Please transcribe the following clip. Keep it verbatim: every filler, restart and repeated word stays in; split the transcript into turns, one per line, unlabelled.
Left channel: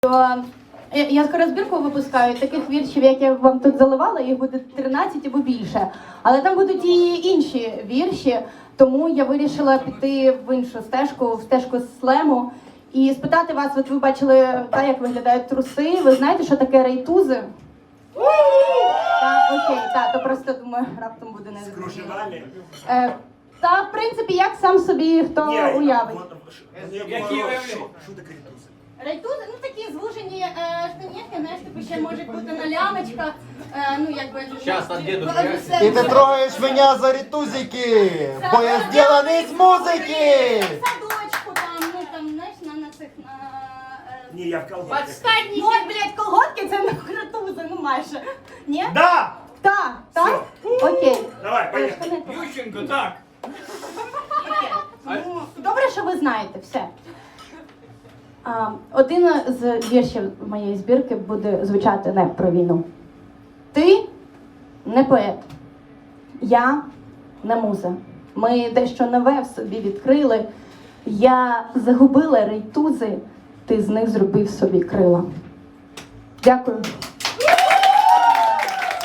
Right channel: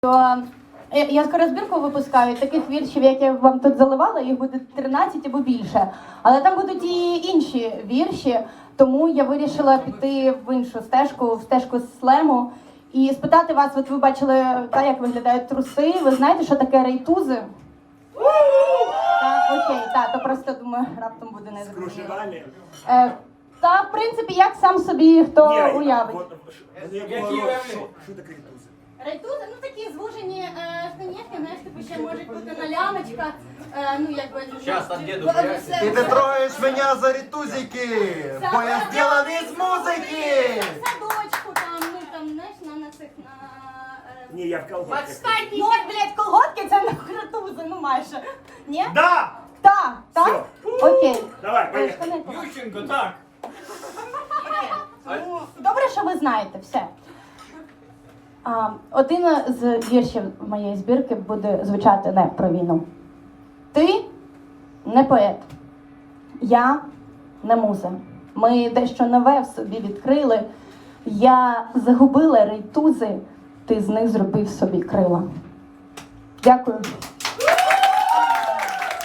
То я, я скоро збірку випускаю таких віршів, як я вам тут заливала, їх буде тринадцять або більше. Але там будуть і інші вірші, тому я вирішила піти в іншу стежку, в стежку слему, і спитати вас, от ви бачили, та, як виглядають труси, ви знаєте, що таке рейтузи? Так, окей, так, то просто, думаю, раптом буде не
Скрушевальні?
Е, Та, в принципі, як сам собі хто уявить.
Що таке рейтузи?
Рейтузи, ну такі звужені е, штанівки, знаєш, типу ще можуть бути на лямочках, е, ну якби...
Щас, там діду,
Б-
щас.
все-
И ты троишь меня за ретузики, бо я сделан из музыки!
В садочку там, ну там, знаєш, на, на цих, на... Е...
Ні, я в колготках.
Ну от, блядь, колготки це не рейтузи, ну майже. Ні?
Да!
Так, так? Окей.
Давай,
Е,
поїхали.
штани.
Ющенко, так.
Ну, добре, що ви знаєте, все. А, один з віршів моєї збірки буде звучати не про війну. Ти не поет. Я не муза. Ми дещо нове в собі відкрили. Я загубила рейтузи, ти з них зробив собі крила. Дякую.